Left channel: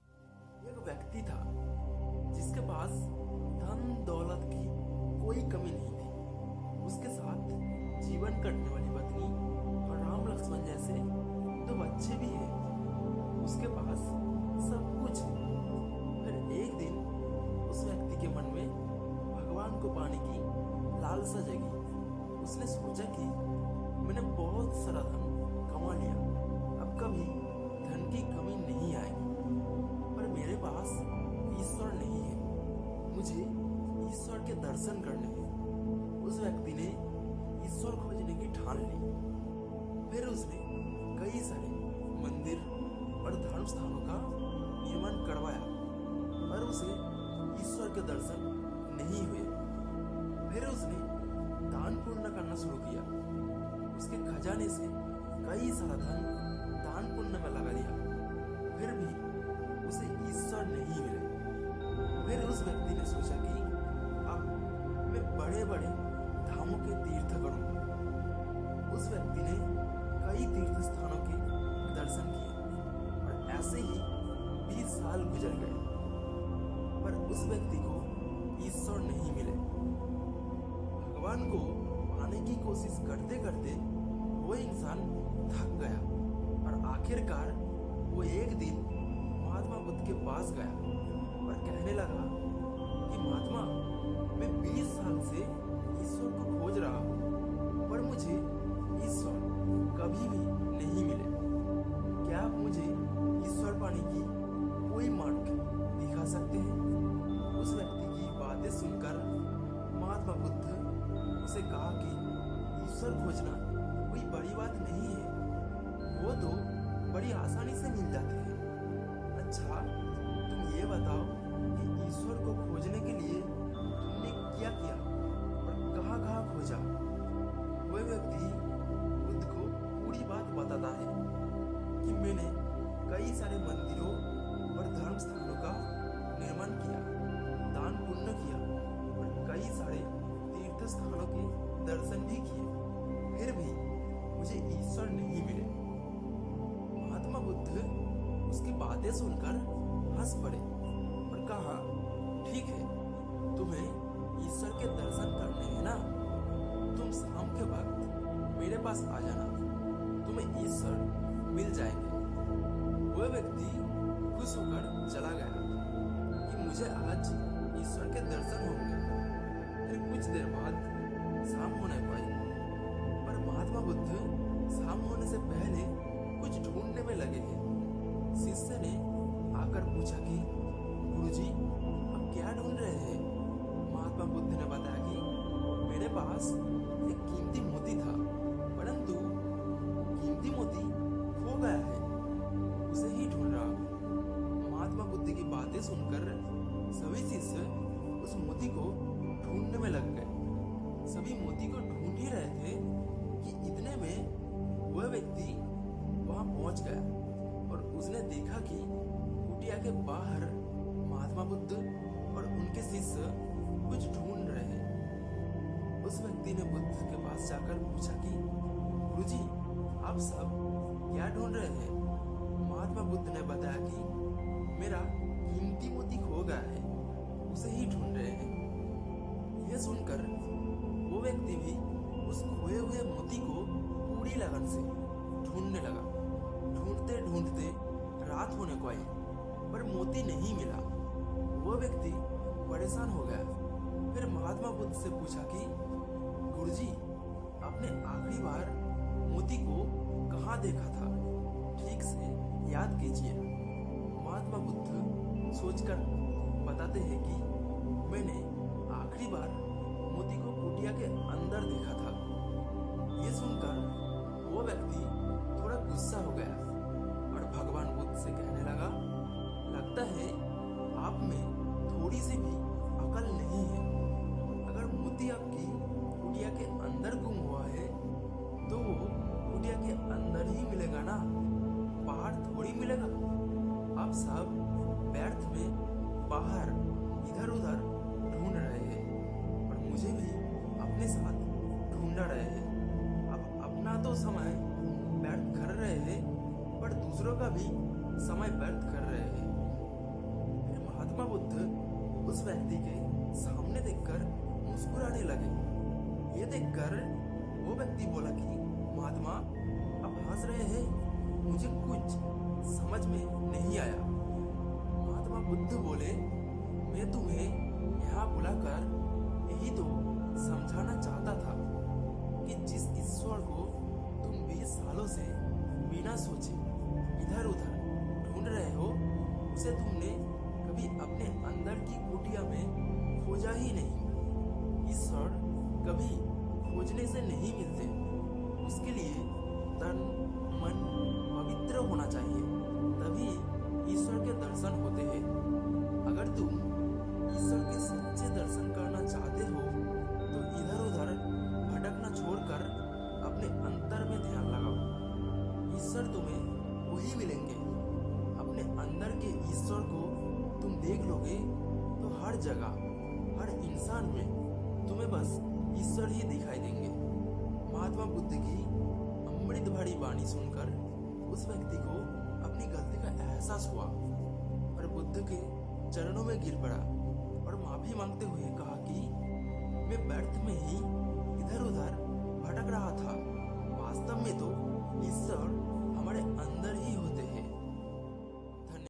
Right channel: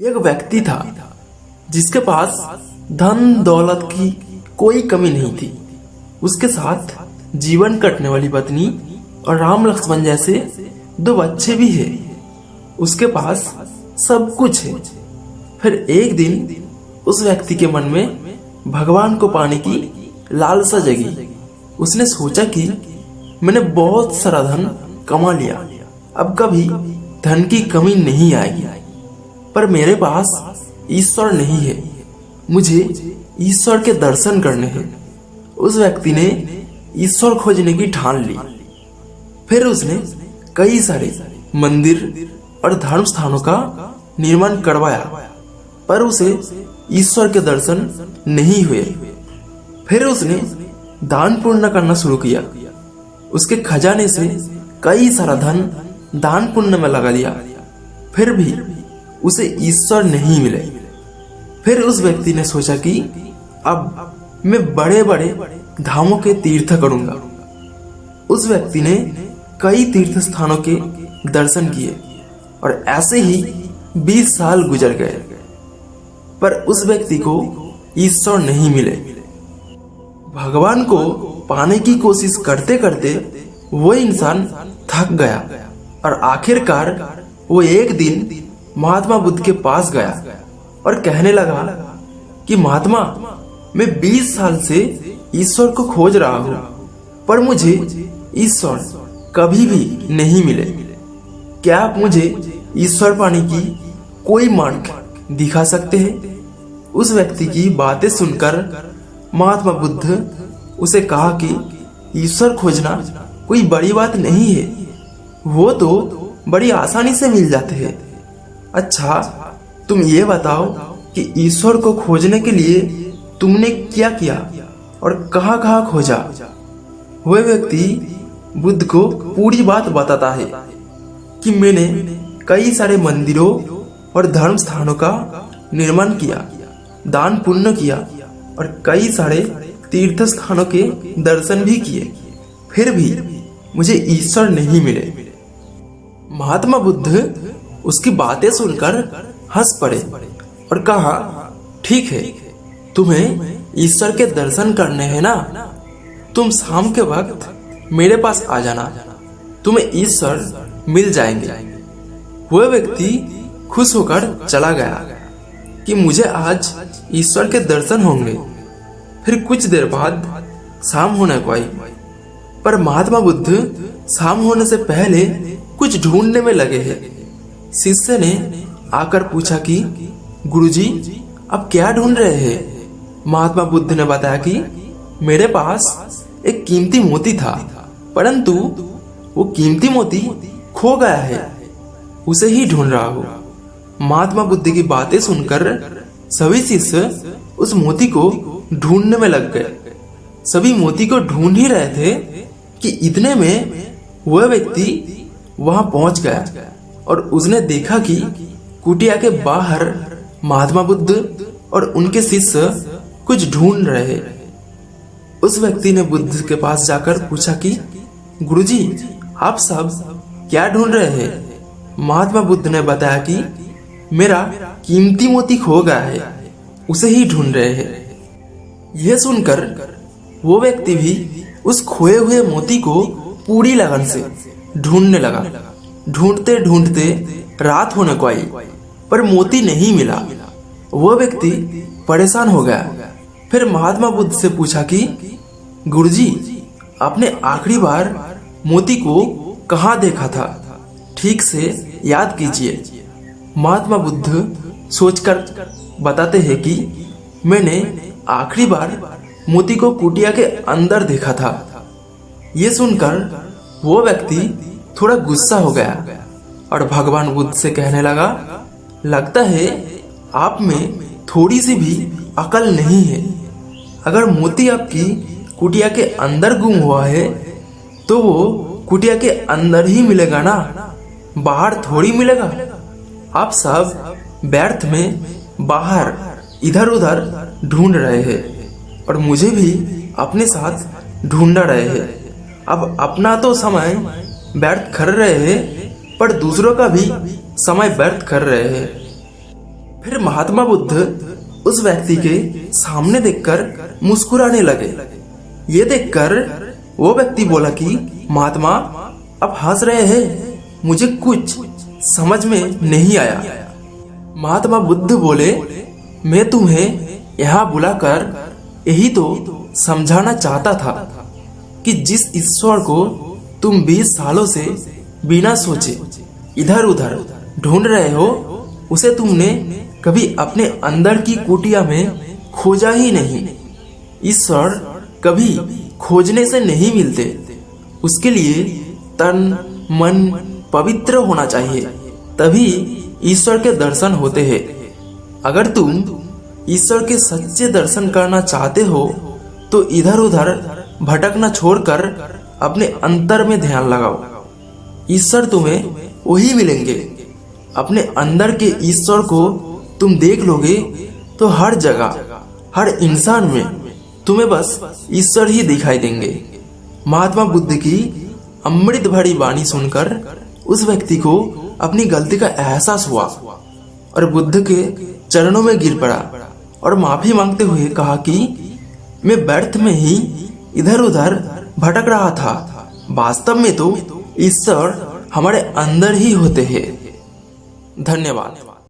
एक व्यक्ति था जिसके पास धन दौलत की कोई कमी नहीं थी। उसके साथ जीवन कटने वाली पत्नी और राम लक्ष्मण जैसे दो बच्चे भी हैं। उसके पास सब कुछ है। फिर एक दिन उस व्यक्ति के मन में भगवान को पाने की लालसा जगी। उसने सोचा कि मैंने बहुत सारा धन कमा लिया, अब कभी धन की कमी नहीं आएगी। पर मेरे पास ईश्वर नहीं है, मुझे ईश्वर के दर्शन करने हैं। उस व्यक्ति ने ईश्वर खोजने की ठान ली। फिर उसने कई सारे मंदिर और धर्म स्थानों का निर्माण करवाया, पर उसे ईश्वर के दर्शन नहीं हुए। फिर उसने दान पुण्य करना शुरू किया। उसके खजाने से कई सारा धन दान पुण्य में लगा दिया, फिर भी उसे ईश्वर नहीं मिले। फिर उस व्यक्ति ने सोचा कि अब मैं बड़े बड़े धामों के तीर्थ करूंगा। उस व्यक्ति ने कई तीर्थ स्थानों के दर्शन किए और ऐसे ही 20 साल गुजर गए, पर उस व्यक्ति को ईश्वर नहीं मिले। भगवान को पाने की कोशिश करते करते वो इंसान थक गया और आखिरकार वो एक दिन महात्मा बुद्ध के पास गया और कहने लगा कि महात्मा, मैं 20 साल से ईश्वर को खोज रहा हूँ, पर मुझे ईश्वर कभी भी नहीं मिले। क्या आप मुझे ईश्वर पाने की कोई मार्ग दिखा सकते हैं? उस व्यक्ति की बातें सुनकर महात्मा बुद्ध उसे कहा कि ईश्वर खोजना कोई बड़ी बात नहीं है, वो तो बड़ी आसानी से मिल जाते हैं। अच्छा, तुम ये बताओ कि ईश्वर को खोजने के लिए तुमने क्या किया और कहाँ कहाँ खोजा? वह व्यक्ति बुद्ध को पूरी बात बताता है कि मैंने कई सारे मंदिरों और धर्म स्थानों का निर्माण किया, दान पुण्य किया और कई सारे तीर्थ स्थानों के दर्शन भी किए, फिर भी मुझे ईश्वर नहीं मिले। महात्मा बुद्ध उसकी बातें सुनकर हंस पड़े और कहा, ठीक है, तुम्हें ईश्वर के दर्शन करने हैं ना, तुम शाम के वक्त मेरे पास आ जाना, तुम्हें ईश्वर मिल जाएंगे। वह व्यक्ति खुश होकर चला गया कि मुझे आज ईश्वर के दर्शन होंगे। फिर कुछ देर बाद शाम होने को आई, पर महात्मा बुद्ध शाम होने से पहले कुछ ढूंढने में लगे हैं। शिष्य ने आकर पूछा कि गुरुजी, आप क्या ढूंढ रहे हैं? महात्मा बुद्ध ने बताया कि मेरे पास एक कीमती मोती था, परंतु वो कीमती मोती खो गया है, उसे ही ढूंढ रहा हूँ। महात्मा बुद्ध की बातें सुनकर सभी शिष्य उस मोती को ढूंढने में लग गए। सभी मोती को ढूंढ ही रहे थे कि इतने में वह व्यक्ति वहां पहुंच गया और उसने देखा कि कुटिया के बाहर महात्मा बुद्ध और उनके शिष्य कुछ ढूंढ रहे। उस व्यक्ति ने बुद्ध के पास जाकर पूछा कि गुरुजी, आप सब क्या ढूंढ रहे हैं? महात्मा बुद्ध ने बताया कि मेरा कीमती मोती खो गया है, उसे ही ढूंढ रहे हैं। यह सुनकर वो व्यक्ति भी उस खोए हुए मोती को पूरी लगन से ढूंढने लगा। ढूंढते ढूंढते रात होने को आई, पर मोती नहीं मिला। वह व्यक्ति परेशान हो गया। फिर महात्मा बुद्ध से पूछा कि गुरुजी, आपने आखिरी बार मोती को कहाँ देखा था? ठीक से याद कीजिए। महात्मा बुद्ध सोचकर बताते हैं कि मैंने आखिरी बार मोती को कुटिया के अंदर देखा था। ये सुनकर वो व्यक्ति थोड़ा गुस्सा हो गया और भगवान बुद्ध से कहने लगा, लगता है आप में थोड़ी सी भी अकल नहीं है। अगर मोती आपकी कुटिया के अंदर गुम हुआ है तो वो कुटिया के अंदर ही मिलेगा ना, बाहर थोड़ी मिलेगा। आप सब व्यर्थ में बाहर इधर उधर ढूंढ रहे हैं और मुझे भी अपने साथ ढूंढ रहे हैं। अब अपना तो समय व्यर्थ कर रहे हैं, पर दूसरों का भी समय व्यर्थ कर रहे हैं। फिर महात्मा बुद्ध उस व्यक्ति के सामने देखकर मुस्कुराने लगे। ये देखकर वो व्यक्ति बोला कि महात्मा, आप हंस रहे हैं, मुझे कुछ समझ में नहीं आया। महात्मा बुद्ध बोले, मैं तुम्हें यहाँ बुलाकर यही तो समझाना चाहता था कि जिस ईश्वर को तुम 20 सालों से बिना सोचे इधर उधर ढूंढ रहे हो, उसे तुमने कभी अपने अंदर की कुटिया में खोजा ही नहीं। ईश्वर कभी खोजने से नहीं मिलते, उसके लिए तन मन पवित्र होना चाहिए, तभी ईश्वर के दर्शन होते हैं। अगर तुम ईश्वर के सच्चे दर्शन करना चाहते हो तो इधर उधर भटकना छोड़कर अपने अंतर में ध्यान लगाओ। ईश्वर तुम्हें वही मिलेंगे। अपने अंदर के ईश्वर को तुम देख लोगे तो हर जगह, हर इंसान में तुम्हें बस ईश्वर ही दिखाई देंगे। महात्मा बुद्ध की अमृत भरी वाणी सुनकर उस व्यक्ति को अपनी गलती का एहसास हुआ और बुद्ध के चरणों में गिर पड़ा और माफी मांगते हुए कहा कि मैं व्यर्थ में ही इधर उधर भटक रहा था। वास्तव में तो ईश्वर हमारे अंदर ही होते हैं। धन्यवाद।